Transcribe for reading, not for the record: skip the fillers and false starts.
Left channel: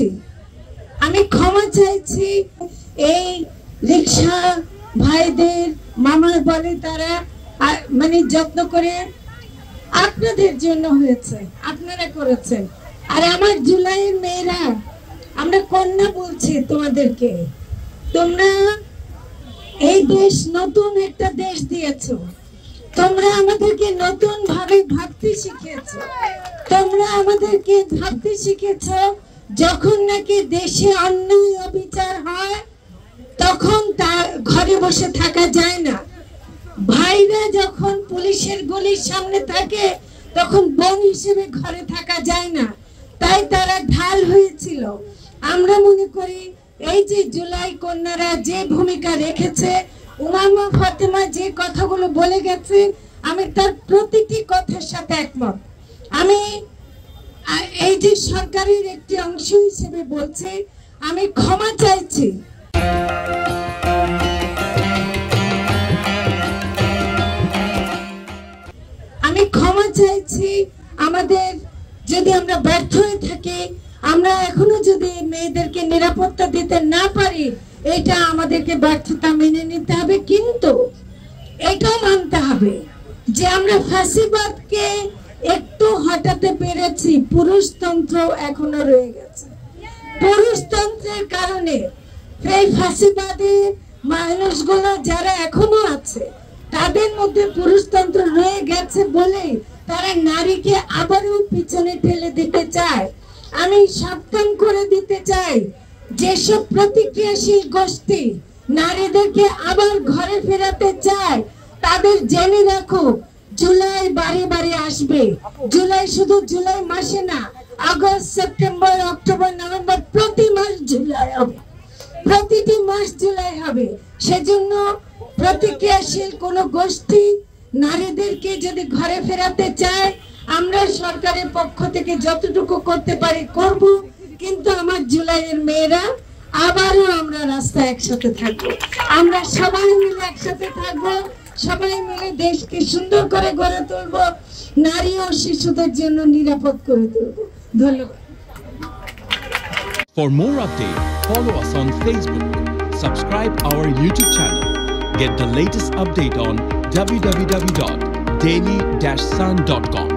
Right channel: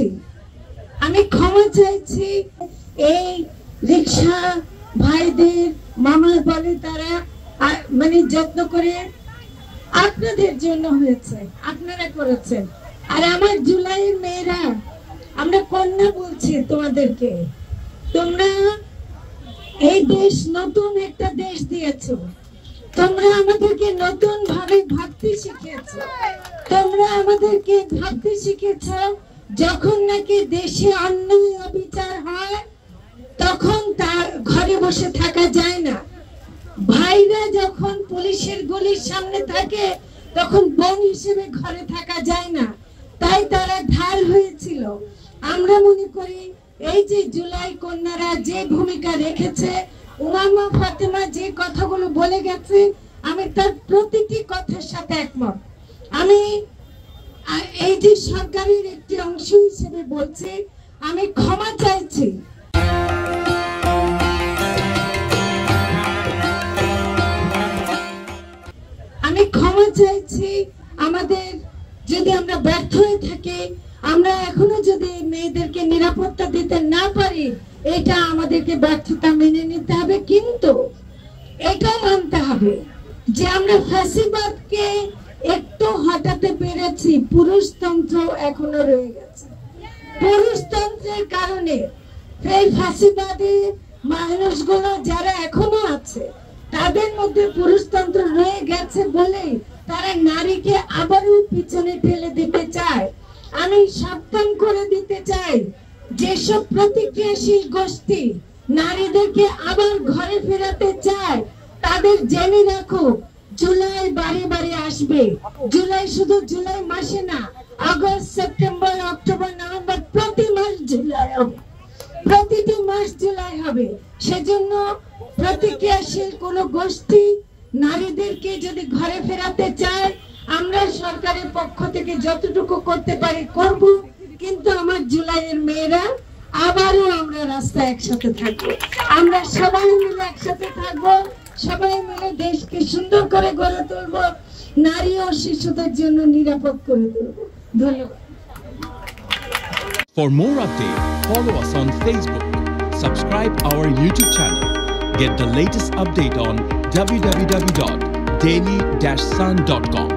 চাইছি, আমি ক্ষমা চাইছি। এই রিক্সা ভাইদের মামা বলে তারা মানে যত্ন করে আপনাদের জন্য হয়েছে, আপনারা করেছেন। আর আমার জুলাইয়ের মেয়েরা, আমরা কন্যা বলছি তোমাদেরকে, তোমরা এই দেশ নতুন একটা দেশ দিয়েছো, তোমরা আমাদেরকে নতুন ভাবে ভাবতে শিখেছো, তোমরা আমাদেরকে ভাবতে শিখেছো যখন নাকি দেশে অন্যায় অবিচার হয় তখন তার ঘরে বসে থাকা যায় না। ভাইরা যখন পুলিশের গুলির সামনে থাকে তখন বোন হিসেবে ঘরে থাকা যায় না, তাই তারা ঢাল হয়েছিল। আমরা মনে করি এই যে জুলাই কন্যারা যে ভূমিকা রেখেছে, উমামা ফাতেমা যে কথাগুলো বলে গেছে, আমি তার প্রতিটি কথার সাথে একমত। আমি এই যে সরকারের একটি অংশ হিসেবে বলছি, আমি ক্ষমা চাইছি। আমি ক্ষমা চাইছি আমাদের যদি আমরা ব্যর্থ হয়ে থাকি, আমরা এখনো যদি মেয়েদেরকে নিরাপত্তা দিতে না পারি, এটা আমাদেরকে ব্যর্থতা মেনে নিতে হবে। কিন্তু এটাও মানতে হবে যে আমরা ফ্যাসিবাদকে একটু হটাতে পেরেছি, পুরুষতন্ত্র এখনো রয়ে গেছে। পুরুষতন্ত্রের কারণে এই ফ্যাসিবাদী মানুষগুলো যারা এখনো আছে তাদের মধ্যে পুরুষতন্ত্র রয়ে গেছে বলেই তারা নারীকে আবারও পিছনে ঠেলে দিতে চায়। আমি সাবধান করে দিতে চাই, যেসব প্রতিক্রিয়াশীল গোষ্ঠী নারীদেরকে আবার ঘরে ফেরাতে চায় তাদের জেনে রাখো, জুলাই বারে বারে আসবে। জুলাই শুধু জুলাই মাসে না, আগস্ট, সেপ্টেম্বর, অক্টোবর, নভেম্বর, প্রতি মাস জুলাই হবে, প্রতিটি মাস জুলাই হবে। সেজন্য প্রতিক্রিয়াশীল কোন গোষ্ঠী নারীদেরকে যদি ঘরে ফেরাতে চায়, আমরা সরকারের পক্ষ থেকে যতটুকু করতে পারি করব। কিন্তু আমার জুলাইয়ের মেয়েরা আবারও আমরা রাস্তায় একসাথে থাকবো, আমরা সবাই মিলে একসাথে থাকবো, সবাই মিলে দেশকে সুন্দর করে গড়ে তুলবো, নারী ও শিশুদের জন্য নিরাপদ করে তুলবো। ধন্যবাদ। For more updates, follow us on Facebook, subscribe our YouTube channel, get the latest update on www.daily-sun.com.